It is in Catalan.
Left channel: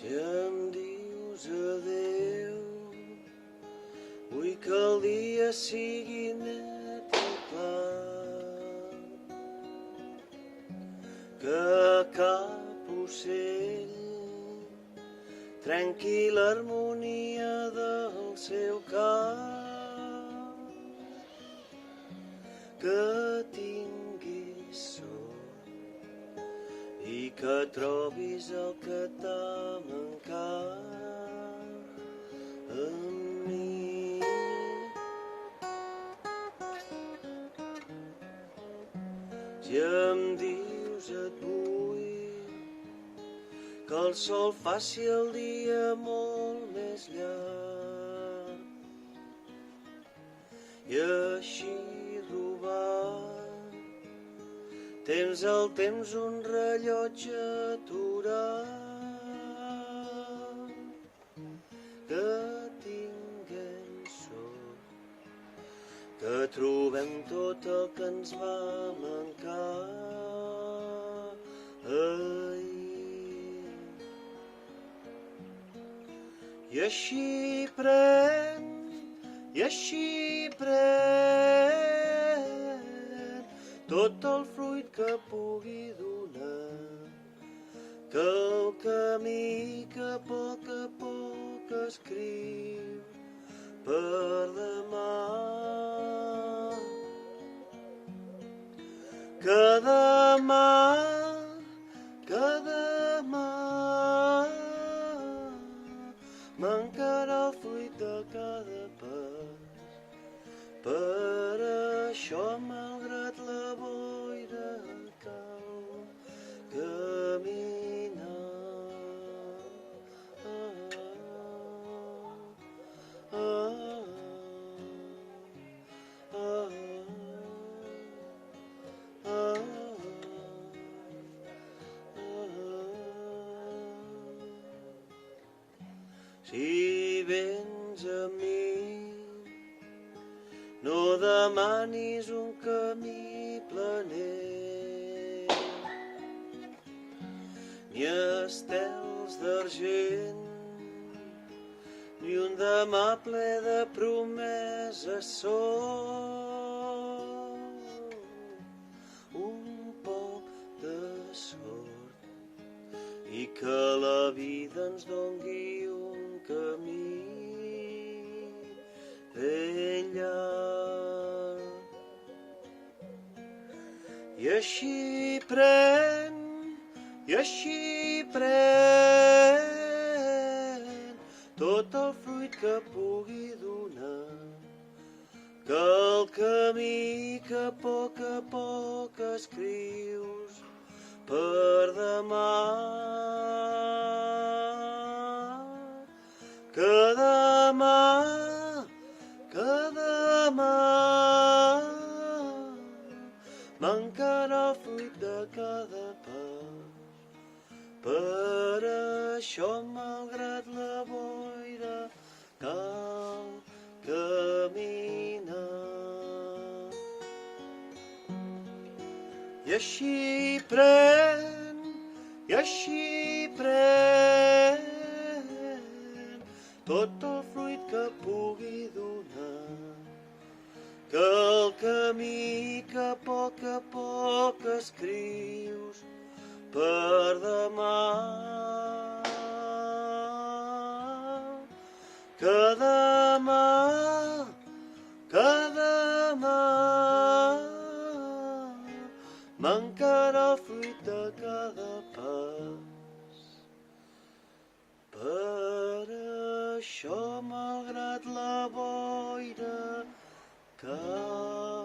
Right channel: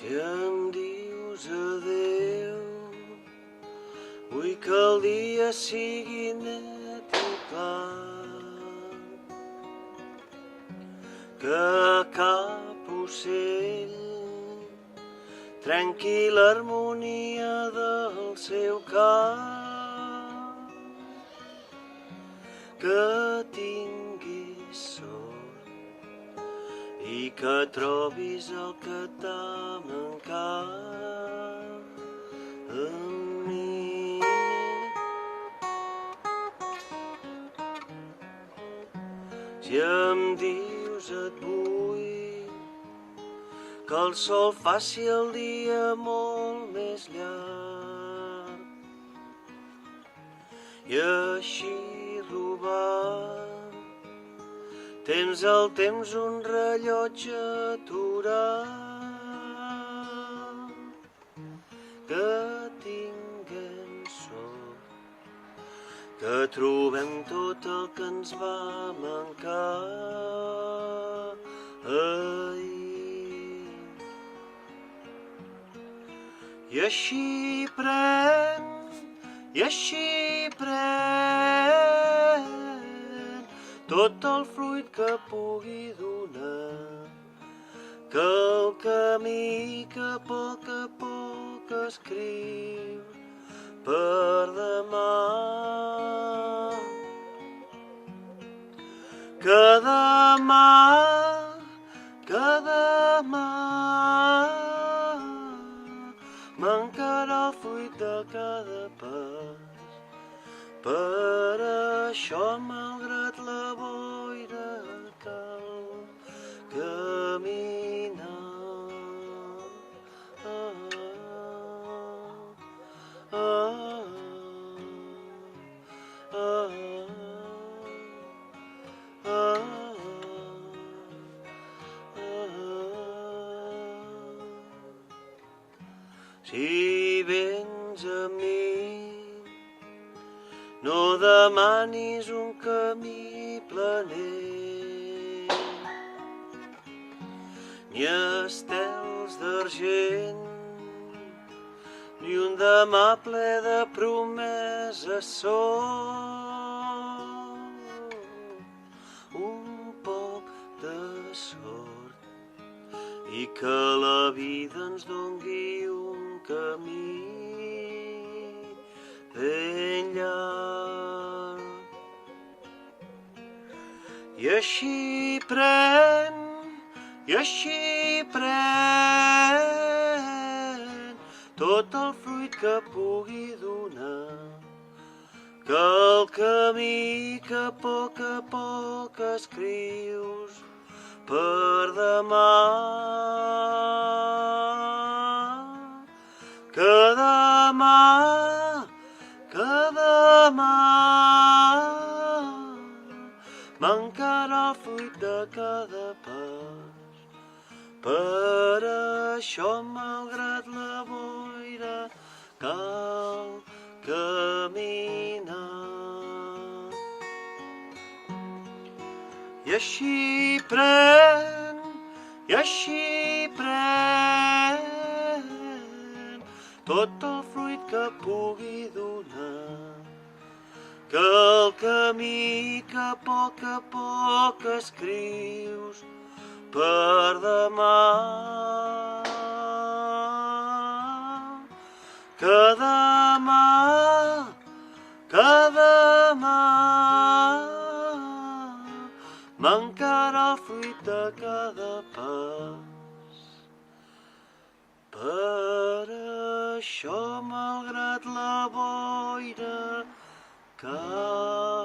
Si em dius adéu, vull que el dia sigui net i clar, que cap ocell trenqui l'harmonia del seu cant, que tinguis sort i que trobis el que t'ha mancat en mi. Si em dius et vull, que el sol faci el dia molt més llarg i així robar temps al temps un rellotge aturat, que tinguem sort, que trobem tot el que ens va mancar ahir. I així pren tot el fruit que pugui donar, que el camí que a poc escriu per demà, que demà mancarà el fruit de cada pas. Per això, malgrat la boira, cal caminar. Si vens a mi, no demanis un camí planer, ni estels d'argent, ni un demà ple de promeses sol. Un poc de sort i que la vida ens dongui un camí ben llarg. I així pren tot el fruit que pugui donar, que el camí que a poc escrius per demà, que demà mancarà el fruit de cada pas. Per això, malgrat la boira, cal caminar. I així pren tot el fruit que pugui donar, que el camí que a poc escrius per demà, que demà mancarà el fruit de cada pas. Per això, malgrat la boira, cal